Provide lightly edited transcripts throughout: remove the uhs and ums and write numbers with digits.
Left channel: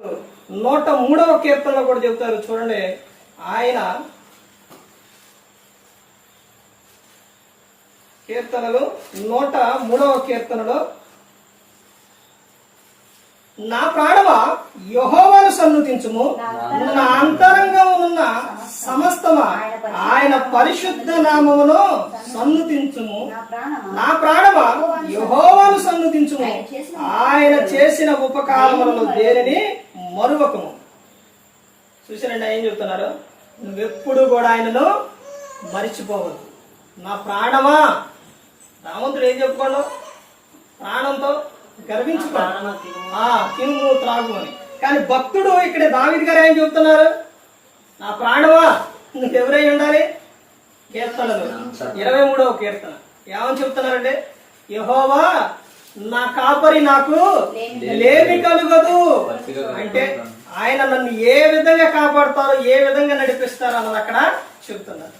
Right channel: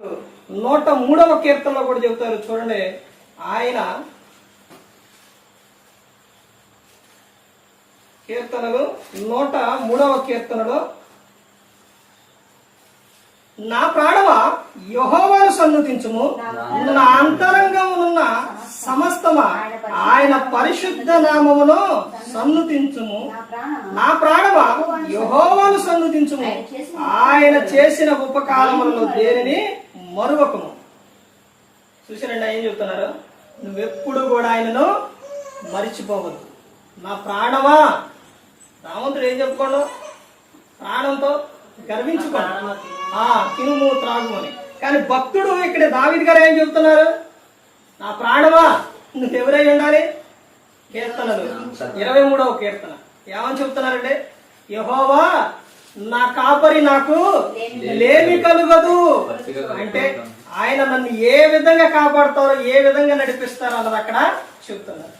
103వ కీర్తనలో కూడా చెబుతారు చూడండి. ఆయన కీర్తనలు 103వ కీర్తనలో, నా ప్రాణమా యెహోవాను సన్నుతించుము, నా అంతరంగమునున్న సమస్తమా ఆయన పరిశుద్ధ నామమును సన్నుతించుము. నా ప్రాణమా యెహోవాను సన్నుతించుము, ఆయన చేసిన ఉపకారములను దేనిని మరువకము. చూసారండి ఏం చెప్తున్నారు? నువ్వెప్పుడు కూడా ఆయనను మరిచిపోవద్దు. నా ప్రాణమా, రామంతుడు ఏం చెప్పుకోండు? ప్రాణంతో గర్వించుకోండి, తినుము త్రాగు అని. కానీ భక్తుడు ఇక్కడ దావీదు గారు ఏం చెప్తున్నారు? నా ప్రాణమా నువ్వెవరై ఉండాలి? కీర్తనలు 23వ కీర్తన ఏమని చెప్తున్నారంటే, యెహోవా నా కాపరి, నాకు లేమి కలుగదు. అంటే ఆయన నన్ను ఏ విధంగా కాపాడుతారో, ఏ విధంగా నడిపిస్తారో అన్నది అక్కడ చెప్తున్నారు.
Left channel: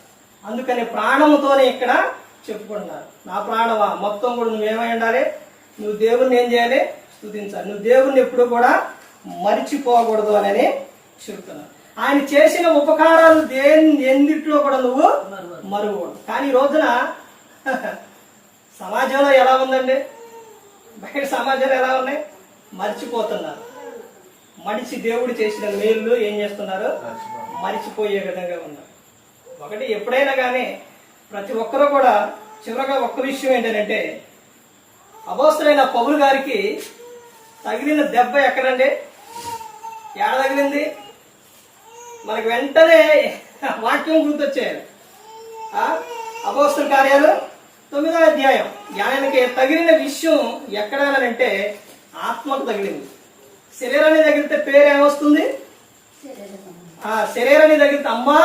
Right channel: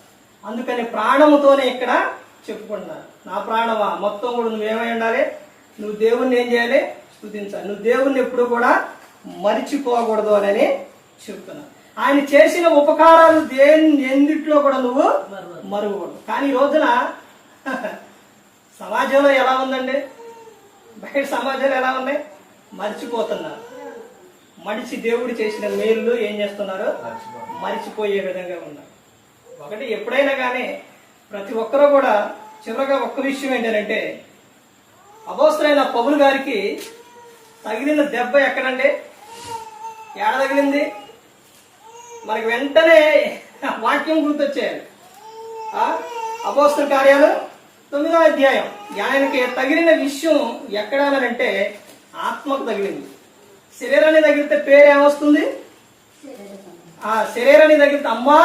అందుకని ప్రాణముతోనే ఇక్కడ చెప్పుకుంటున్నారు. నా ప్రాణమా, మొత్తం కూడా నువ్వేమై ఉండాలి? నువ్వు దేవుణ్ణి ఏం చేయాలి? స్తుతించాలి. నువ్వు దేవుణ్ణి ఎప్పుడు కూడా మరిచిపోకూడదు అని చెప్తున్నావు. ఆయన చేసిన ఉపకారాలు ఎందుట్లో కూడా నువ్వు మరువకూడదు. కానీ ఈ రోజున సమాజంలో ఎలా ఉందండి? బయట సమాజంలో ఎలా ఉన్నాయి? మర్చిపోతున్నారు. మనిషి దేవుడు చేసిన మేలు ఏం చేస్తున్నారు? మరిచిపోయే విధంగా ఉన్నారు. ఒకటి ఎప్పుడైనా కానీ ప్రతి ఒక్కరూ కూడా చివరగా ఒక్క విషయం ఏంటంటే, అపోస్తలుడైన పౌలు గారికి తగిలిన దెబ్బ ఎక్కడండి? ఏడ తగిలింది? మనకి వెంటనే వాక్యం గుర్తొచ్చేయాలి. అపోస్తల కార్యాలు 9వ అధ్యాయం. ఆయనకి తగిలిన విషయం ఎక్కడానంటే ఆత్మకు తగిలింది. శరీరాన్ని తగిలితే పేరు ఏమొస్తుంది? శరీరాన్ని తగిలితే అమ్మా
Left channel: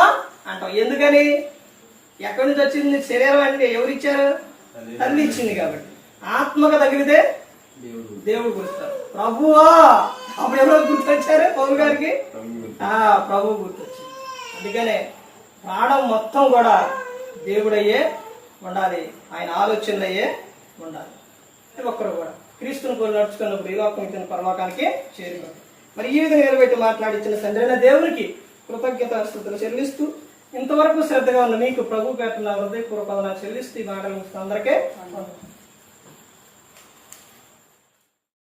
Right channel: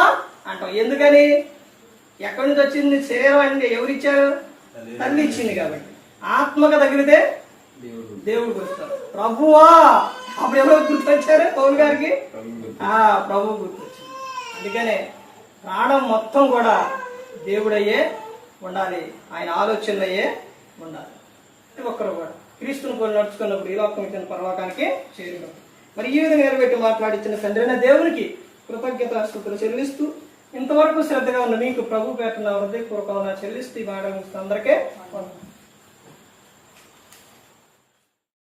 అంటాం. ఎందుకని? ఎక్కడి నుంచి వచ్చింది శరీరం? అంటే ఎవరిచ్చారు? తల్లి ఇచ్చింది. కాబట్టి ఆత్మకు తగిలితే దేవుడు గుర్తారు. ప్రభువా, అప్పుడు ఎవరో గుర్తొచ్చారు పౌలు గారికి? ప్రభు గుర్తొచ్చింది. అందుకనే ప్రాణం మొత్తం కూడా దేవుడయ్యే ఉండాలి, ఆయన ఆలోచనలయ్యే ఉండాలి. ఒక్కరు కూడా క్రీస్తుని పోలి నడుచుకున్నప్పుడు ఈ లోకం ఇచ్చిన పరలోకానికి చేరుకుంటారు. మరి ఈ విధంగా నిలబెట్టి మాట్లాడించిన తండ్రి అయిన దేవునికి కృతజ్ఞతాస్తుతులు చెల్లిస్తూ, ఇంతవరకు శ్రద్ధగా ఉన్న మీకు ప్రభు పేరున హృదయపూర్వకంగా చెల్లిస్తూ ఈ మాట అందరికీ